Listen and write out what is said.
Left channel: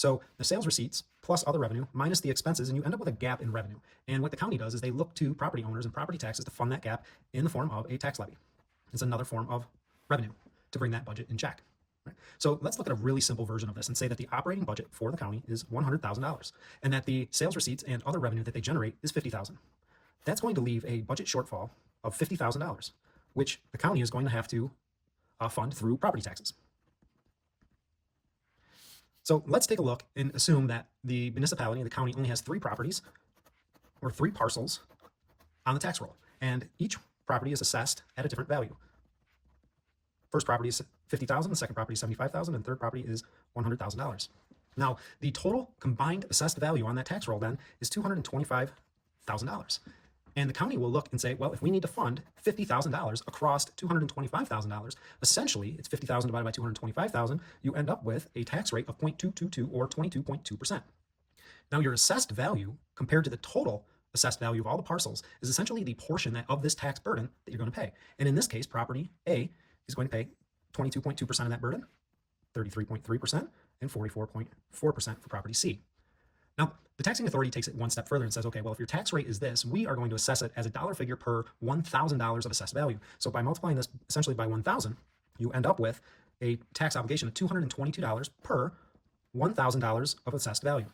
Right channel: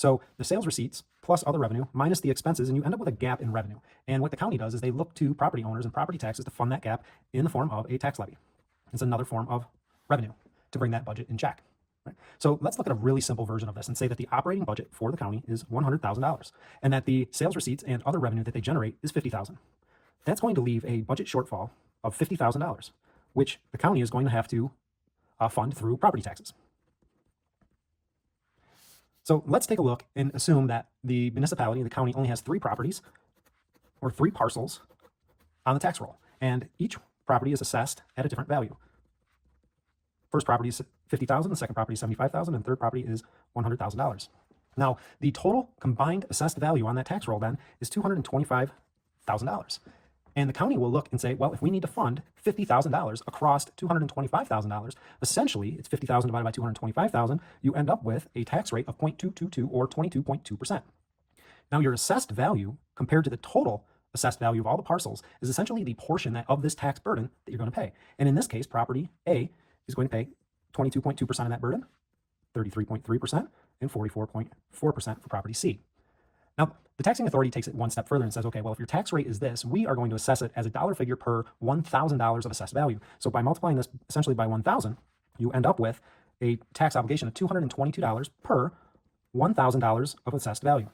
So the sales receipts plus other revenue minus the expenses, and you end up with a gap in revenue. And what the county does is they look to property owners and property taxes to fund that gap in the form of a tax levy. It's another form of revenue to bring that budget in check. Right? So let's look at a really simple version of this and say that the operating budget for the county is $100,000 and that the sales receipts and other revenue that they generate is $50,000. That's going to leave a budget shortfall of $50,000, which the county is going to have to fund through property taxes. So let's take a look and assume that the municipality, the county, only has 3 properties or 3 parcels on the tax roll, and each property is assessed at a different value. First property is $50,000, the second property is $75,000, and the third property is $100,000. Now, the total combined assessed value on that tax roll then is $225,000. And the county will look and say, well, if we need to fund $50,000 across $225,000, essentially it's $50,000 divided by $225,000, you end up with a tax rate of 0.222 or 22.2%. Now, your assessed value compared to the total assessed value of all the parcels is essentially the portion of this tax burden that you're going to pay. And in this case, property A is going to pay 22.2% of that burden, 33.3%, and 44.4% for property C. Now, the taxing authority takes it one step further and says, okay, well, if your tax rate is this, we are going to assess it as a dollar figure per $1,000 of assessed value. So by multiplying this essentially by 1,000, you end up with a tax obligation of $222 per $1,000 of assessed value.